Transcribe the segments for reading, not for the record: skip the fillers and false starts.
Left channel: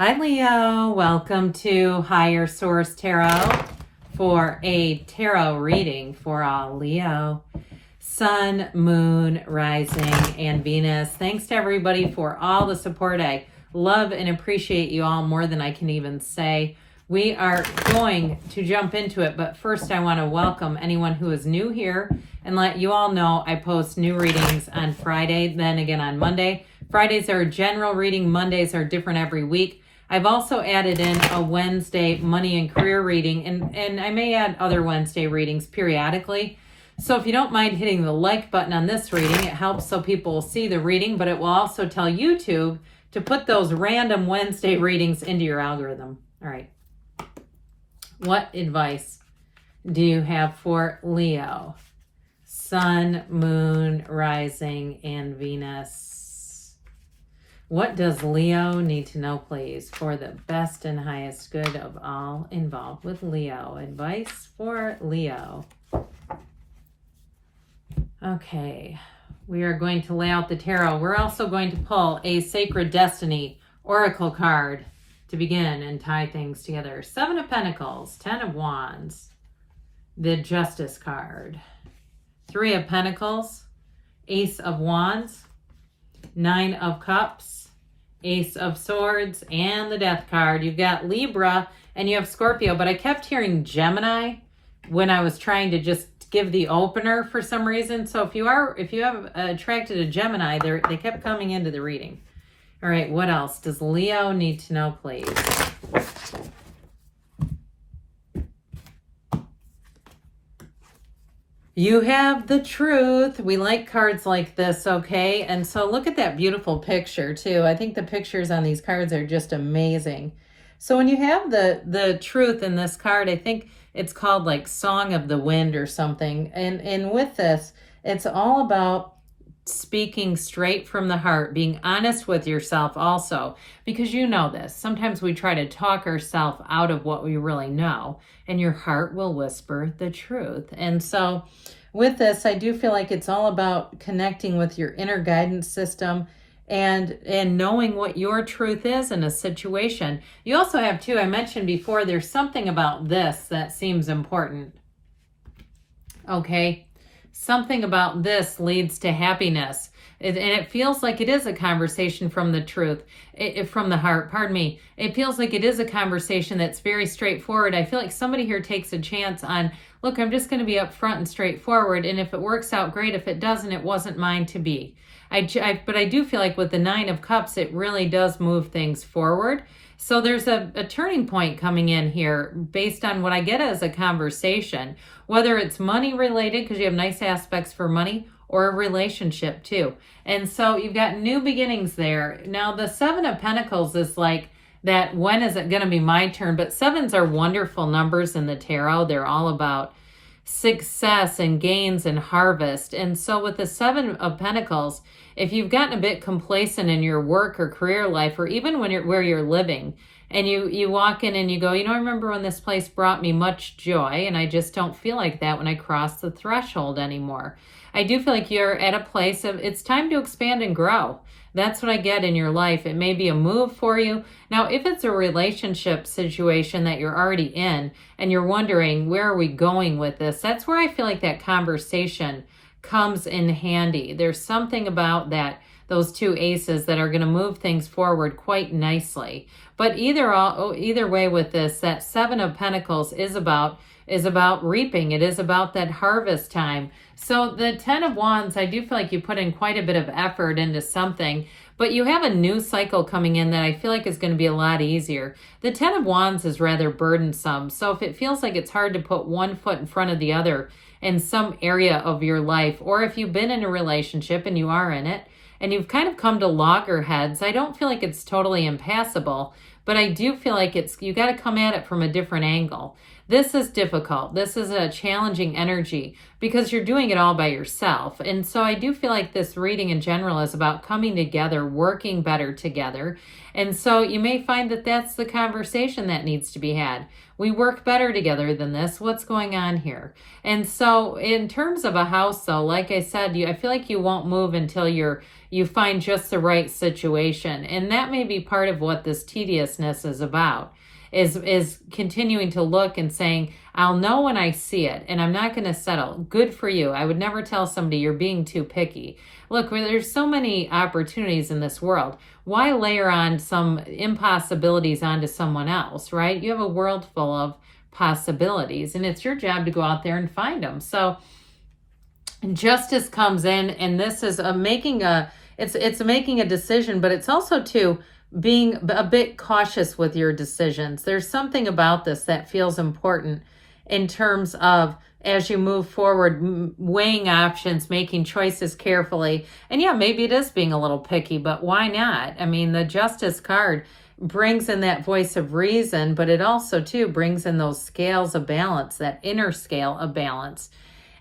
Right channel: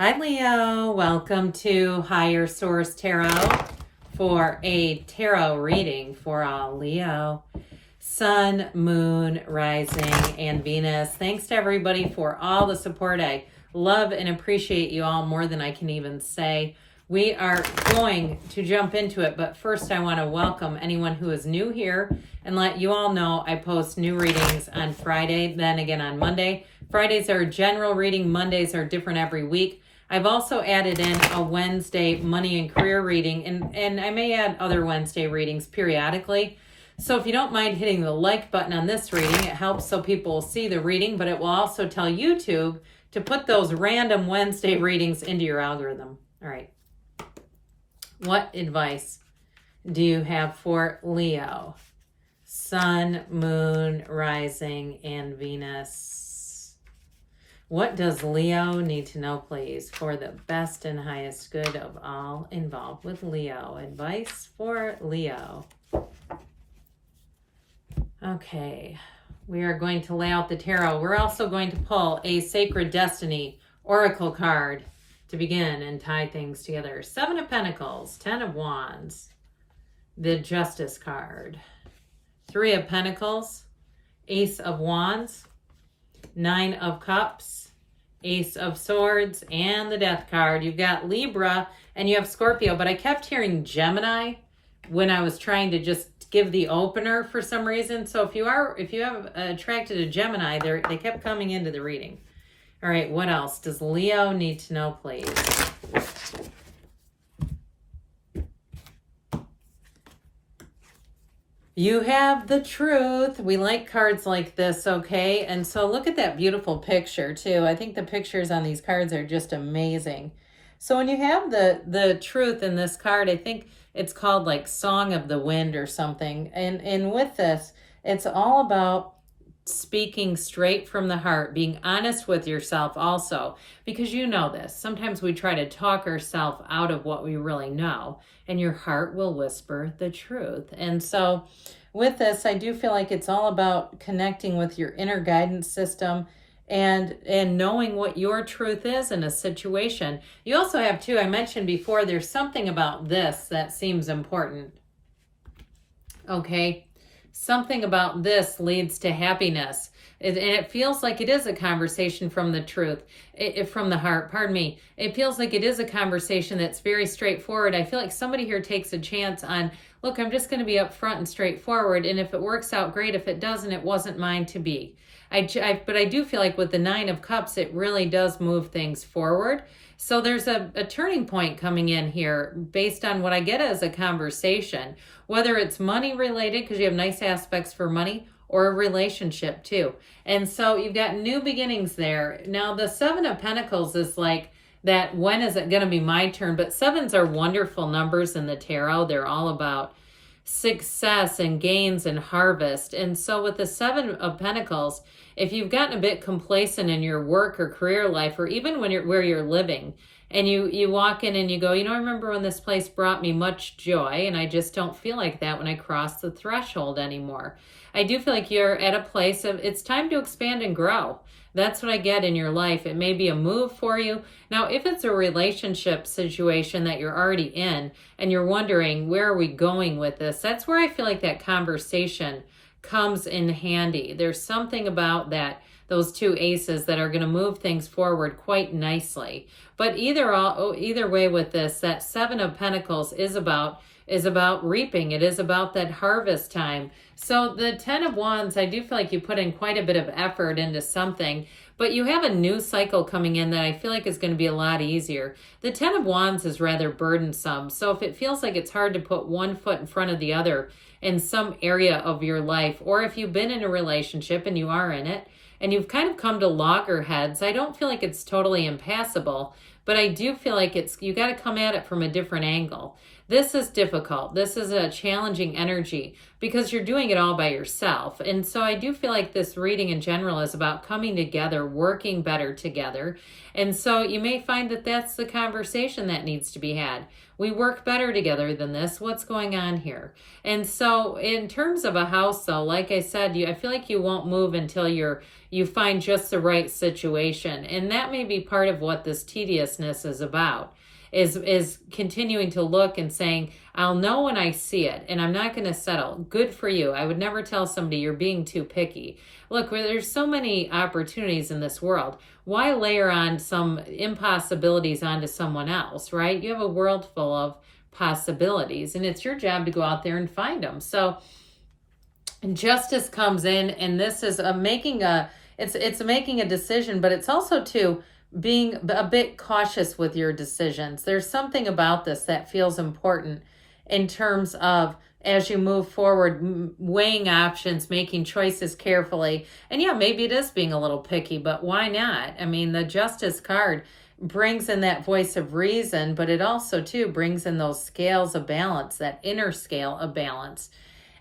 Hi Leo, welcome to Higher Source Tarot for a tarot reading for all Leo, Sun, Moon, Rising, and Venus. Thanks to everybody for all the support. I love and appreciate you all more than I can even say. We are going to jump into it, but first I want to welcome anyone who is new here and let you all know I post new readings on Friday, then again on Monday. Fridays are a general reading, Mondays are different every week. I've also added in a Wednesday money and career reading, and I may add other Wednesday readings periodically. So if you don't mind hitting the like button on this reading, it helps so people will see the reading, but it will also tell YouTube to put those random Wednesday readings into your algorithm. All right. What advice do you have for Leo? Sun, Moon, Rising, and Venus. What does Leo need to know, please, for the best and highest good of all involved with Leo? Advice for Leo. Okay, we are going to lay out the tarot. We're also going to pull a Sacred Destiny Oracle card to begin and tie things together. 7 of Pentacles, 10 of Wands, the Justice card, 3 of Pentacles, Ace of Wands, 9 of Cups, Ace of Swords, and the Death card. You've got Libra and you have Scorpio, but I kept hearing Gemini when I was trying to just give the opener for some reason. So if you have attracted a Gemini, they kept coming into the reading. All right, what else does Leo need to know, please? You have the Truth. We like cards like this, okay? And so look at that beautiful picture, too. I think the pictures on these cards are just amazing. So when you have the Truth in this card, I think it's called like Song of the Wind or something. And with this, it's all about speaking straight from the heart, being honest with yourself also, because you know this. Sometimes we try to talk ourselves out of what we really know, and your heart will whisper the truth. And so with this, I do feel like it's all about connecting with your inner guidance system and knowing what your truth is in a situation. You also have, too, I mentioned before, there's something about this that seems important. Okay? Something about this leads to happiness. And it feels like it is a conversation from the truth, from the heart, pardon me. It feels like it is a conversation that's very straightforward. I feel like somebody here takes a chance on, look, I'm just going to be upfront and straightforward. And if it works out, great. If it doesn't, it wasn't mine to be. But I do feel like with the 9 of Cups, it really does move things forward. So there's a turning point coming in here based on what I get as a conversation, whether it's money related, because you have nice aspects for money, or a relationship too. And so you've got new beginnings there. Now the 7 of Pentacles is like that, when is it going to be my turn? But 7s are wonderful numbers in the tarot. They're all about success and gains and harvest. And so with the 7 of Pentacles, if you've gotten a bit complacent in your work or career life, or even when where you're living, and you walk in and you go, I remember when this place brought me much joy, and I just don't feel like that when I cross the threshold anymore. I do feel like you're at a place of, it's time to expand and grow. That's what I get in your life. It may be a move for you. Now, if it's a relationship situation that you're already in and you're wondering, where are we going with this? That's where I feel like that conversation comes in handy. There's something about that, those 2 aces, that are going to move things forward quite nicely. But either way with this, that 7 of Pentacles is about reaping. It is about that harvest time. So the 10 of Wands, I do feel like you put in quite a bit of effort into something, but you have a new cycle coming in that I feel like is going to be a lot easier. The 10 of Wands is rather burdensome. So if it feels like it's hard to put one foot in front of the other in some area of your life, or if you've been in a relationship and you are in it, and you've kind of come to loggerheads, I don't feel like it's totally impassable, but I do feel like you got to come at it from a different angle. This is difficult. This is a challenging energy because you're doing it all by yourself. And so I do feel like this reading in general is about coming together, working better together. And so you may find that that's the conversation that needs to be had. We work better together than this. What's going on here? And so in terms of a house, though, like I said, I feel like you won't move until you find just the right situation. And that may be part of what this tedious seriousness is about. Is continuing to look and saying, I'll know when I see it and I'm not going to settle. Good for you. I would never tell somebody you're being too picky. Look, there's so many opportunities in this world. Why layer on some impossibilities onto someone else, right? You have a world full of possibilities and it's your job to go out there and find them. So justice comes in, and this is making a decision, but it's also too being a bit cautious with your decisions. There's something about this that feels important in terms of as you move forward, weighing options, making choices carefully. And yeah, maybe it is being a little picky, but why not? I mean, the Justice card brings in that voice of reason, but it also too brings in those scales of balance, that inner scale of balance.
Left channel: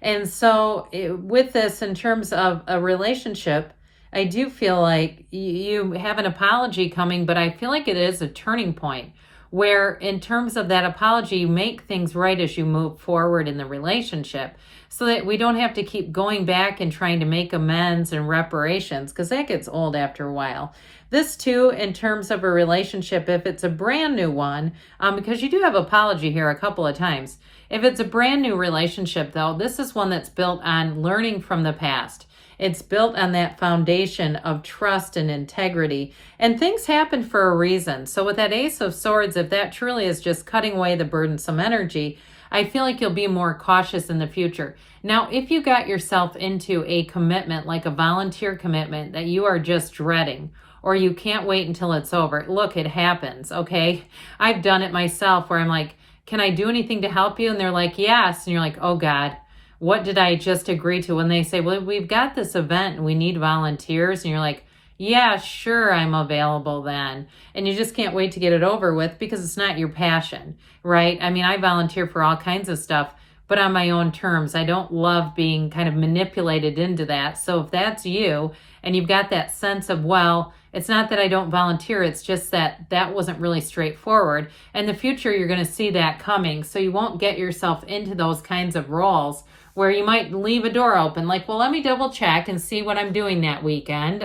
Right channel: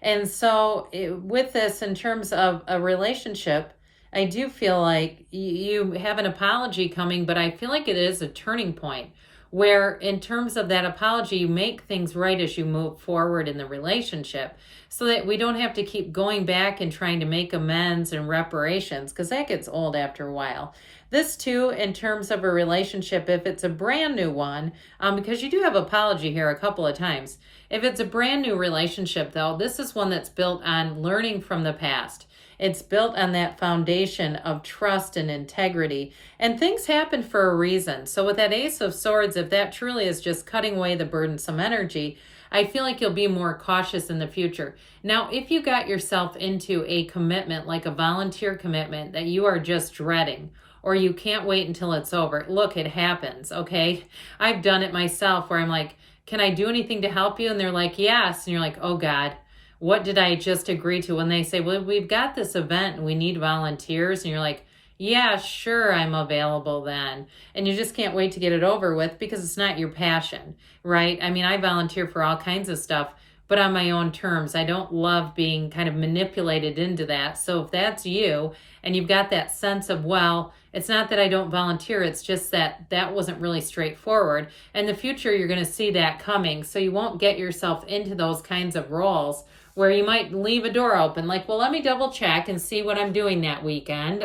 And so with this, in terms of a relationship, I do feel like you have an apology coming, but I feel like it is a turning point where in terms of that apology, you make things right as you move forward in the relationship so that we don't have to keep going back and trying to make amends and reparations, because that gets old after a while. This too, in terms of a relationship, if it's a brand new one, because you do have apology here a couple of times. If it's a brand new relationship though, this is one that's built on learning from the past. It's built on that foundation of trust and integrity. And things happen for a reason. So with that Ace of Swords, if that truly is just cutting away the burdensome energy, I feel like you'll be more cautious in the future. Now, if you got yourself into a commitment, like a volunteer commitment that you are just dreading, or you can't wait until it's over, look, it happens, okay? I've done it myself where I'm like, can I do anything to help you? And they're like, yes. And you're like, oh God, what did I just agree to? When they say, well, we've got this event and we need volunteers. And you're like, yeah, sure, I'm available then. And you just can't wait to get it over with because it's not your passion, right? I mean, I volunteer for all kinds of stuff, but on my own terms. I don't love being kind of manipulated into that. So if that's you and you've got that sense of, well, it's not that I don't volunteer, it's just that that wasn't really straightforward. In the future, you're going to see that coming. So you won't get yourself into those kinds of roles where you might leave a door open, like, well, let me double check and see what I'm doing that weekend.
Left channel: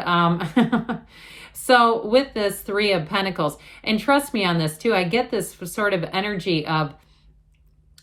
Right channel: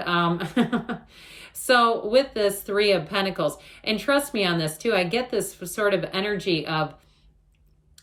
So with this Three of Pentacles, and trust me on this too, I get this sort of energy of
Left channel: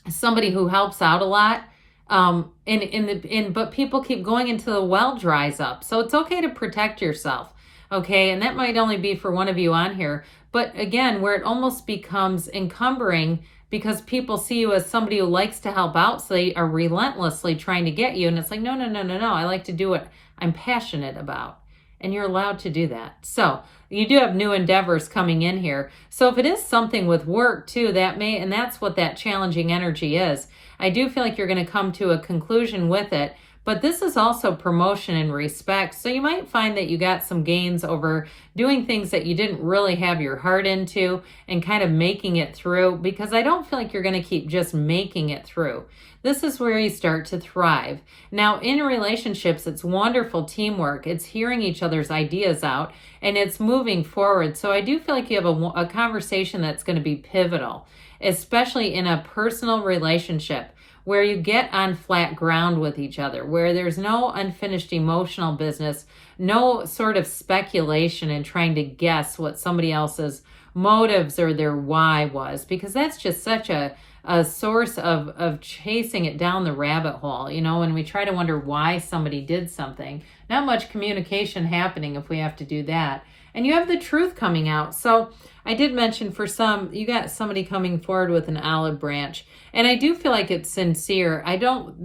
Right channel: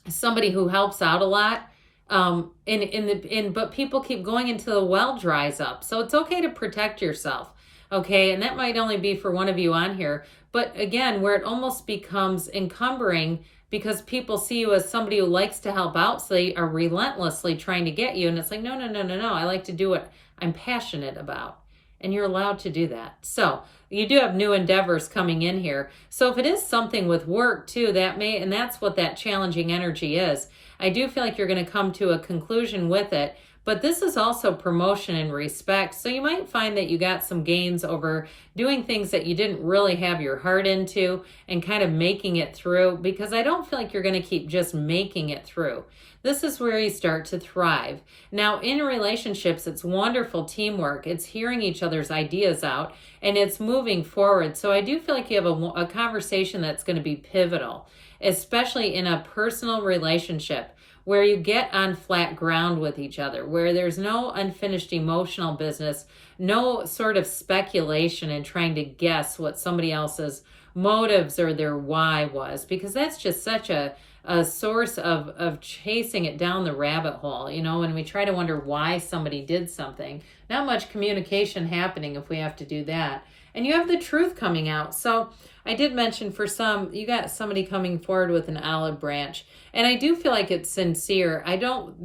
somebody who helps out a lot, but people keep going until the well dries up. So it's okay to protect yourself, okay? And that might only be for one of you on here, but again, where it almost becomes encumbering because people see you as somebody who likes to help out, so they are relentlessly trying to get you. And it's like, no, I like to do what I'm passionate about. And you're allowed to do that. So you do have new endeavors coming in here. So if it is something with work too, and that's what that challenging energy is. I do feel like you're going to come to a conclusion with it. But this is also promotion and respect. So you might find that you got some gains over doing things that you didn't really have your heart into and kind of making it through, because I don't feel like you're going to keep just making it through. This is where you start to thrive. Now, in relationships, it's wonderful teamwork. It's hearing each other's ideas out and it's moving forward. So I do feel like you have a conversation that's going to be pivotal, especially in a personal relationship, where you get on flat ground with each other, where there's no unfinished emotional business, no sort of speculation and trying to guess what somebody else's motives or their why was, because that's just such a source of chasing it down the rabbit hole, you know, and we try to wonder why somebody did something. Not much communication happening if we have to do that. And you have the truth coming out. So I did mention for some, you got somebody coming forward with an olive branch. And I do feel like it's sincere. They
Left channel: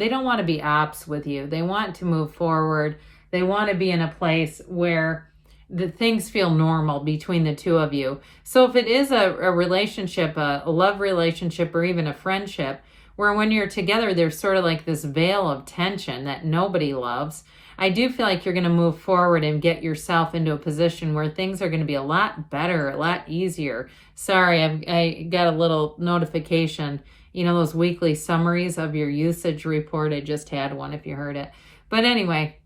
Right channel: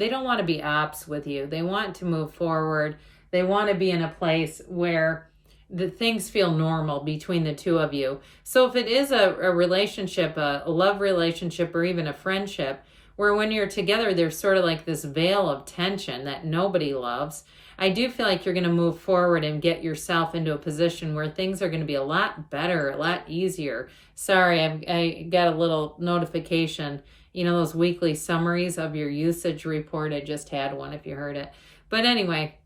don't want to be ops with you. They want to move forward. They want to be in a place where the things feel normal between the two of you. So if it is a relationship, a love relationship, or even a friendship, where when you're together, there's sort of like this veil of tension that nobody loves, I do feel like you're going to move forward and get yourself into a position where things are going to be a lot better, a lot easier. Sorry, I got a little notification. You know, those weekly summaries of your usage report. I just had one if you heard it. But anyway,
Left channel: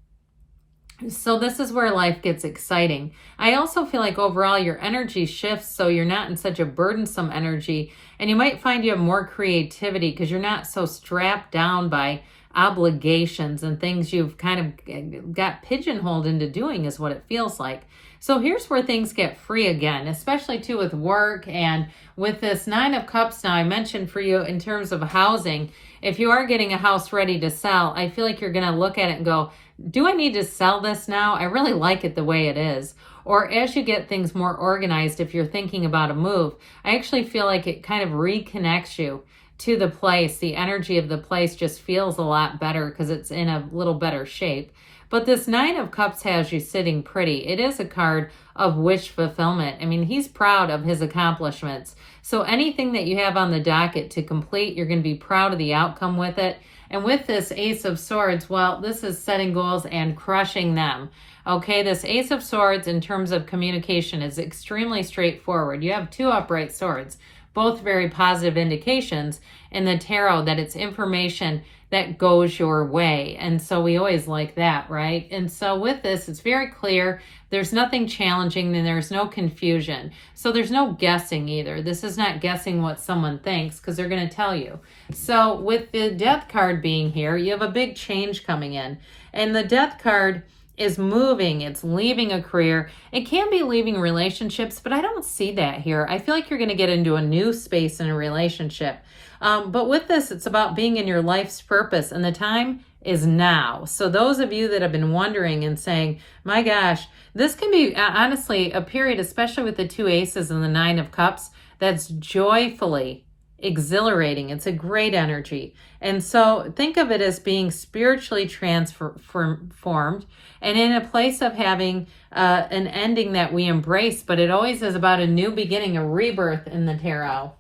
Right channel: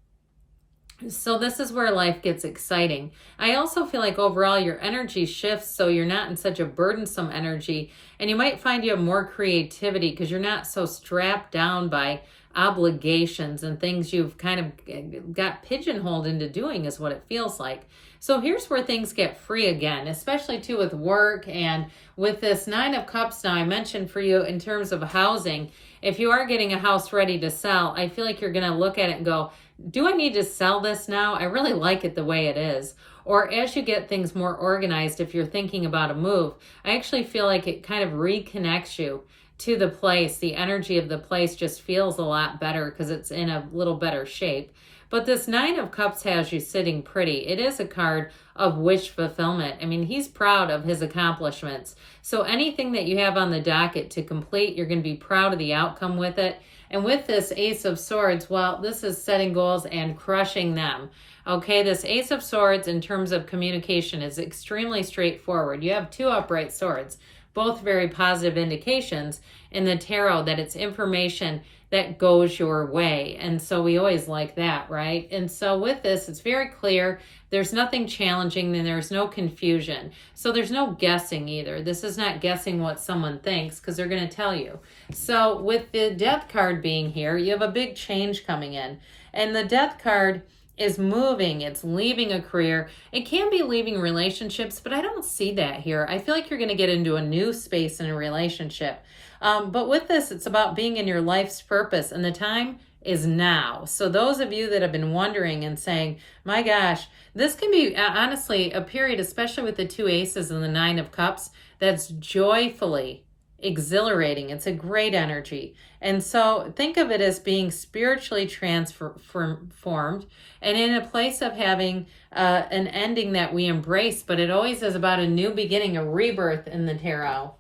so this is where life gets exciting. I also feel like overall your energy shifts, so you're not in such a burdensome energy, and you might find you have more creativity because you're not so strapped down by obligations and things you've kind of got pigeonholed into doing, is what it feels like. So here's where things get free again, especially too with work and with this Nine of Cups. Now, I mentioned for you in terms of housing, if you are getting a house ready to sell, I feel like you're going to look at it and go, do I need to sell this now? I really like it the way it is. Or as you get things more organized, if you're thinking about a move, I actually feel like it kind of reconnects you to the place. The energy of the place just feels a lot better because it's in a little better shape. But this Nine of Cups has you sitting pretty. It is a card of wish fulfillment. I mean, he's proud of his accomplishments. So anything that you have on the docket to complete, you're going to be proud of the outcome with it. And with this Ace of Swords, well, this is setting goals and crushing them. Okay, this Ace of Swords in terms of communication is extremely straightforward. You have two upright swords, both very positive indications in the tarot that it's information that goes your way. And so we always like that, right? And so with this, it's very clear. There's nothing challenging and there's no confusion. So there's no guessing either. This is not guessing what someone thinks because they're going to tell you. So with the Death card being here, you have a big change coming in. And the Death card is moving. It's leaving a career. It can be leaving relationships, but I don't see that here. I feel like you're going to get into a new space in a relationship. But with this, it's about being in your life's purpose, and the time is now. So those of you that have been wondering and saying, my gosh, this can be honestly a period, especially with the two aces and the Nine of Cups, that's joyfully exhilarating. It's a great energy. And so think of it as being spiritually transformed and in a place of having an ending that we embrace, but it always is about a new beginning, a rebirth in the tarot.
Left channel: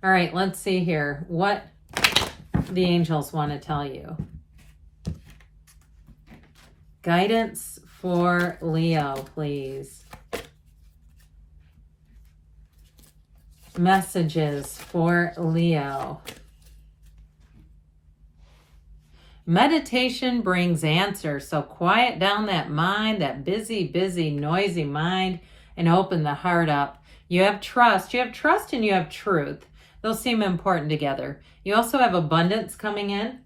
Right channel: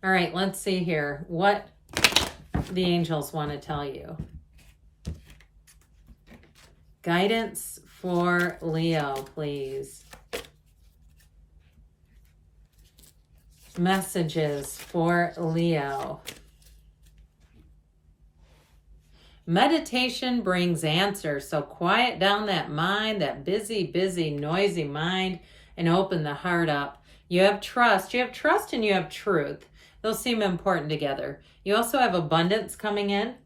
All right, let's see here what the angels want to tell you. Guidance for Leo, please. Messages for Leo. Meditation brings answers, so quiet down that mind, that busy, noisy mind, and open the heart up. You have trust and you have truth. Those seem important together. You also have abundance coming in.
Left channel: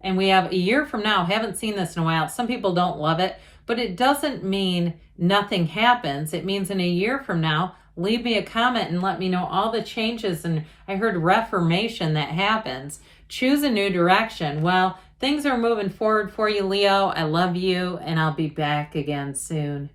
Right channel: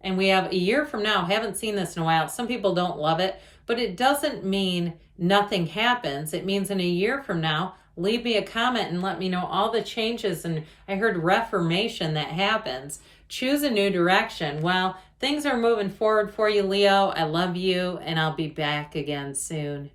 And we have a year from now. Haven't seen this in a while. Some people don't love it, but it doesn't mean nothing happens. It means in a year from now, leave me a comment and let me know all the changes. And I heard reformation that happens. Choose a new direction. Well, things are moving forward for you, Leo. I love you, and I'll be back again soon.